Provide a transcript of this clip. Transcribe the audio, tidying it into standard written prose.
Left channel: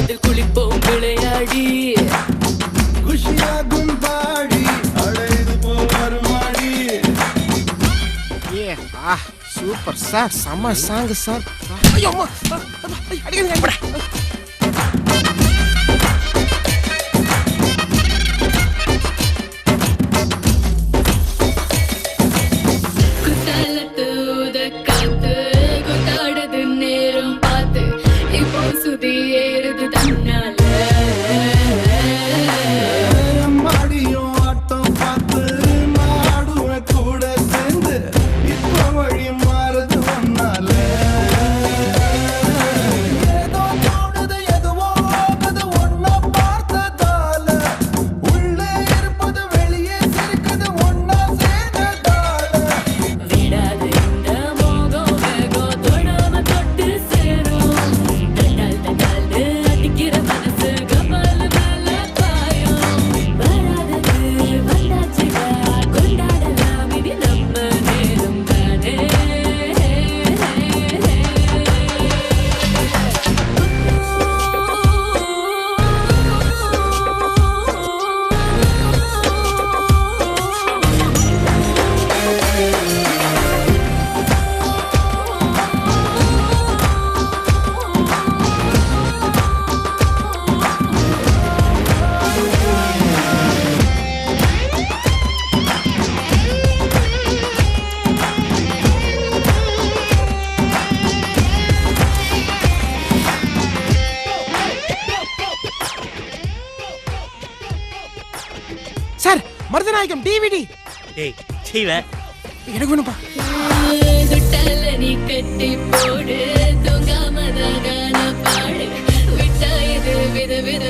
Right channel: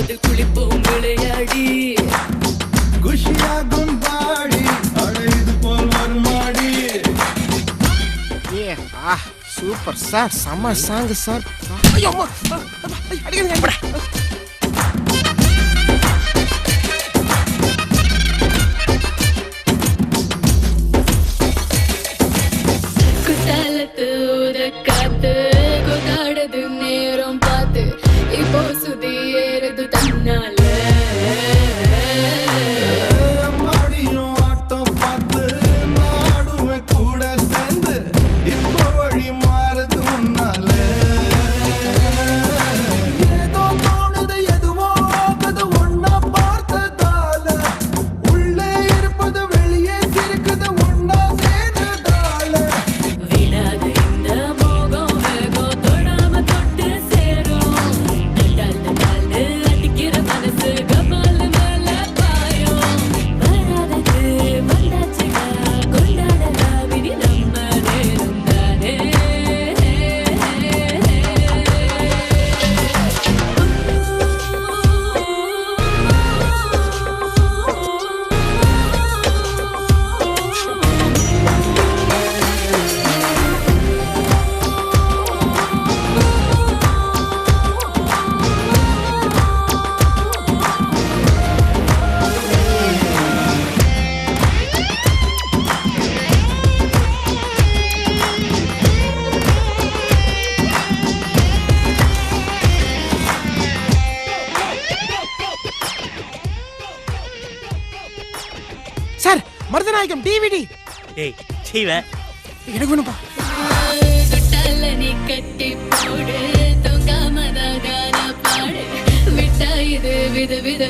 அதில் குளிப்போம் விளையாடி குஷியாகும் பாடி அழைது போவார் மாடி. ஏ சூப்பர் சார், செம்ம சாங் சார். ஐயோ அம்மா, அடிக்கடி குத்தாலத்து காத்து கொண்டாடுது நேரம் பார்த்து இப்போ சுதி ஏறுது தன்னால மாடியும் ஆட்டம் பார்த்து மாடுவேன் கூட சேர்ந்து இப்போ வழி மாறுது உன்னால. ஏதோ தோணுது எதுவோ ஆகுது ஒன்னா பார்த்ததால, உள்ளே இருப்பது வெளியே சிரிக்குது ஒன்னா சேர்ந்ததால. விடாது இந்த மோகம் வேகம் தொடாம தொட்டு சேரும் தட்டால் தட்டால்னு அடிக்கிற மனசு கபால் மேல பாயும் வராதது வந்தாச்சுடா கொண்டாடலாம் இது நம்ம நேரம் தானே. சார், மருதநாயகம் டிவிடி டேய் சீவ எனக்கு வேணும்பா. தொட்டால நீ கட்டி போடு தொங்காம தான பாடு விட்டா இது வித வித